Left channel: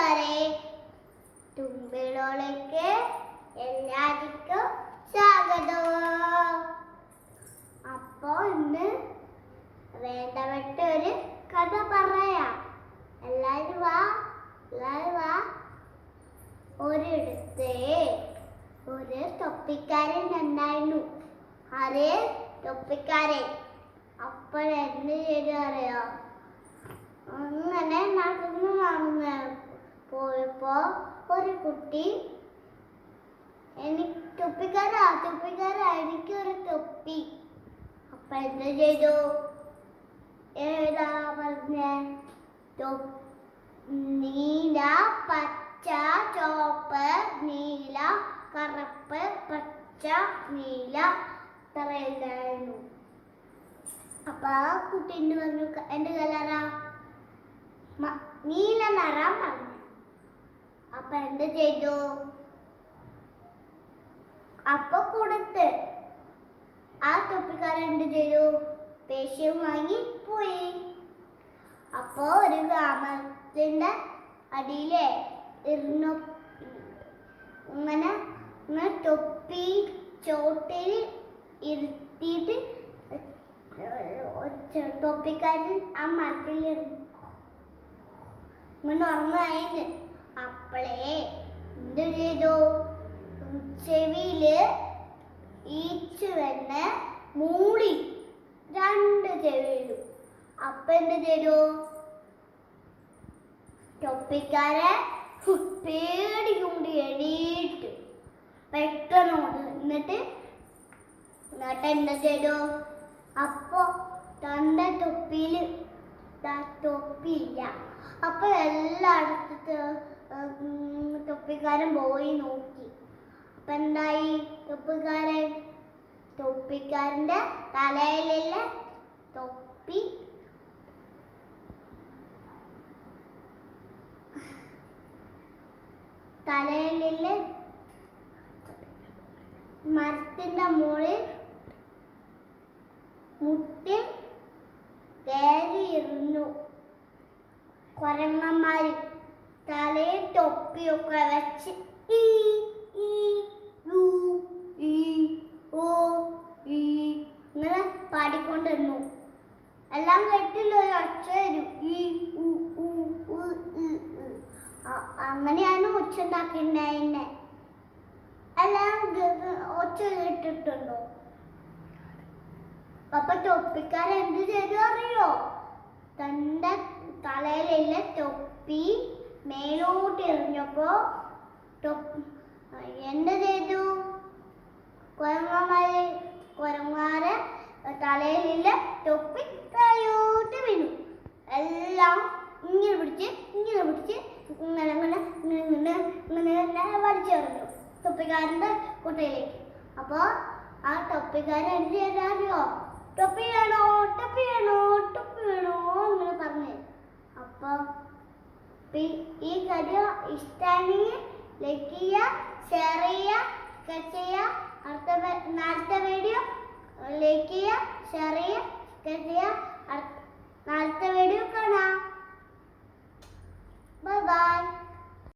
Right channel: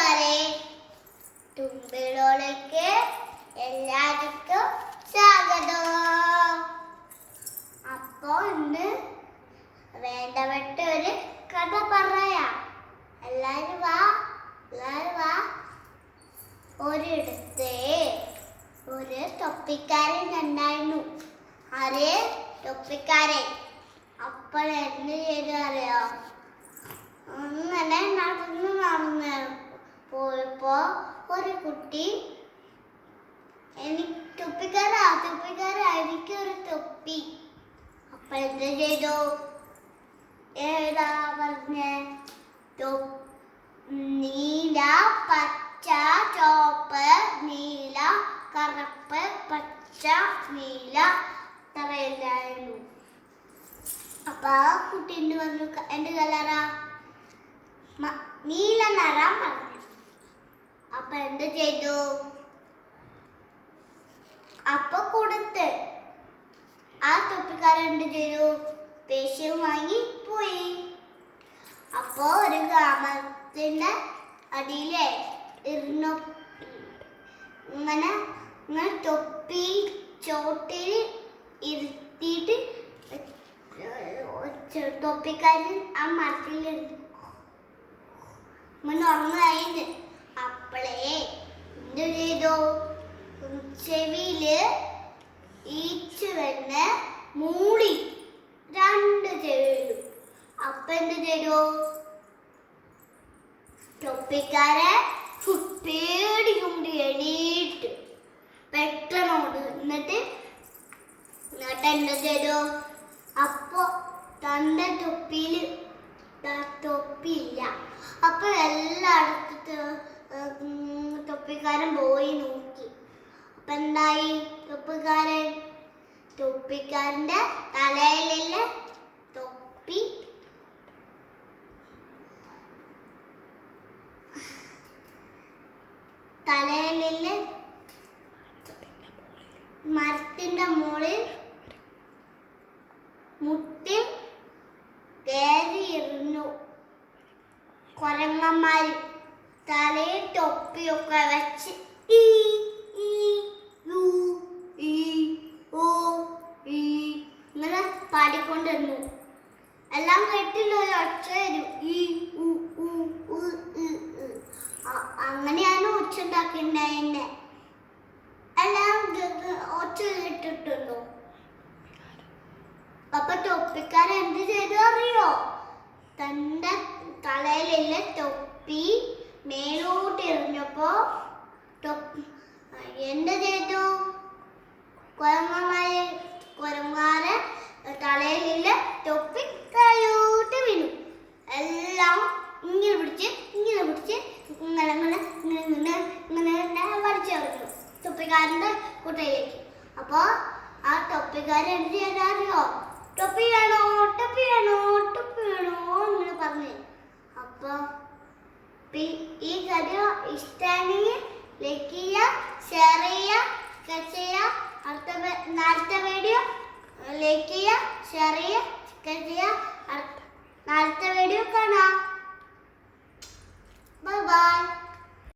കൂട്ടുകാരെ, തുമ്പിലോളേക്ക് എല്ലാവർക്കും സ്വാഗതം. അപ്പോ ഇന്ന് വേണ്ടപ്പെട്ട ഒരു കഥ പറയാം. എല്ലാരും വാ. ഒരിടത്ത് ഒരു തൊപ്പിക്കാരൻ ഉണ്ടായിരുന്നു. ആരേ? തൊപ്പിക്കാരൻ. അപ്പോൾ എന്ത് ചെയ്തു അറിയോ? അങ്ങനെ നടന്ന് പോയപ്പോ ഒരു കുട്ടി, തൊപ്പിക്കാരാ എനിക്കൊരു തൊപ്പി. അപ്പൊ എന്ത് ചെയ്തു? ഏതാ പറഞ്ഞേ? നീല, പച്ച, ചുവപ്പ്, നീല, കറുപ്പ്, പച്ച, നീല, ഇത്രയില്ലായിരുന്നു. അപ്പൊ ആ കുട്ടി എന്ത് പറഞ്ഞു? എന്റെ കളറാ നീല നിറം പറഞ്ഞു. അപ്പൊ എന്ത് ചെയ്തു? അപ്പൊ കൊടുത്ത് ആ തൊപ്പിക്കാരൻ എന്ത് ചെയ്തു? പേശയും വാങ്ങി പോയി. അപ്പൊ ഒരു ഗ്രാമത്തിന്റെ അടിയിലെ ഇരുന്നു ഇങ്ങനെ തൊപ്പി ചോട്ടിൽ ഇരുത്തിയിട്ട് തൊപ്പിക്കാരൻ ആ മരത്തിലിരുന്നു ഉറങ്ങായിരുന്നു. അപ്പളേ എന്ത് ചെയ്തു? ചെവിയില് ഈച്ച വന്ന് മൂടി, രണ്ട് ചെവിയിലും. അപ്പൊ എന്ത് ചെയ്തു? തൊപ്പിക്കാരെ പേടി കൊണ്ട് എണീറ്റ് പെട്ടെന്നോട് എന്നിട്ട് എന്ത് ചെയ്തു? അപ്പൊ തന്റെ തൊപ്പിയില്ല. അപ്പൊ എല്ലായിടത്തും തൊപ്പിക്കാരൻ പോയി നോക്കി. അപ്പൊ എന്തായി? തൊപ്പിക്കാരന്റെ തലയിലുള്ള തൊപ്പി മരത്തിന്റെ മുകളിൽ മുട്ടി കയറിയിരുന്നു. കുരങ്ങന്മാര് തലയിൽ തൊപ്പിയൊക്കെ വെച്ച് ഇങ്ങനെ പാടിക്കൊണ്ടിരുന്നു. എല്ലാം കേട്ടില്ല, ഒരു ഒച്ച വരും. അങ്ങനെയാണ് ഒച്ച ഉണ്ടാക്കിണ്ടായിരുന്നെ. എല്ലാം ഒച്ച കേട്ടിട്ടുണ്ടോ? അപ്പൊ തൊപ്പിക്കാരൻ എന്ത് ചെയ്തു അറിയോ? തന്റെ തലയിലുള്ള തൊപ്പി മേലോട്ട് എറിഞ്ഞപ്പോ എന്ത് ചെയ്തു? കുരങ്ങന്മാരെ തലയിലുള്ള തൊപ്പി താഴോട്ട് വീണു. എല്ലാം ഇങ്ങനെ പിടിച്ച് ഇങ്ങനെ വലിച്ചെറിഞ്ഞു തൊപ്പിക്കാരന്റെ കുട്ടയിലേക്ക്. അപ്പൊ ആ തൊപ്പിക്കാരൻ എന്ത് ചെയ്തറിയോ? ടൊപ്പി വേണോ ഇങ്ങനെ പറഞ്ഞു. അപ്പൊ ഈ കഥ ഇഷ്ടമാണെങ്കിൽ ലൈക്ക് ചെയ്യുക, ഷെയർ ചെയ്യുക. അടുത്ത വീഡിയോ ലൈക്ക് ചെയ്യുക, ഷെയർ ചെയ്യുക. അടുത്ത വീഡിയോ കാണാം. ബൈ.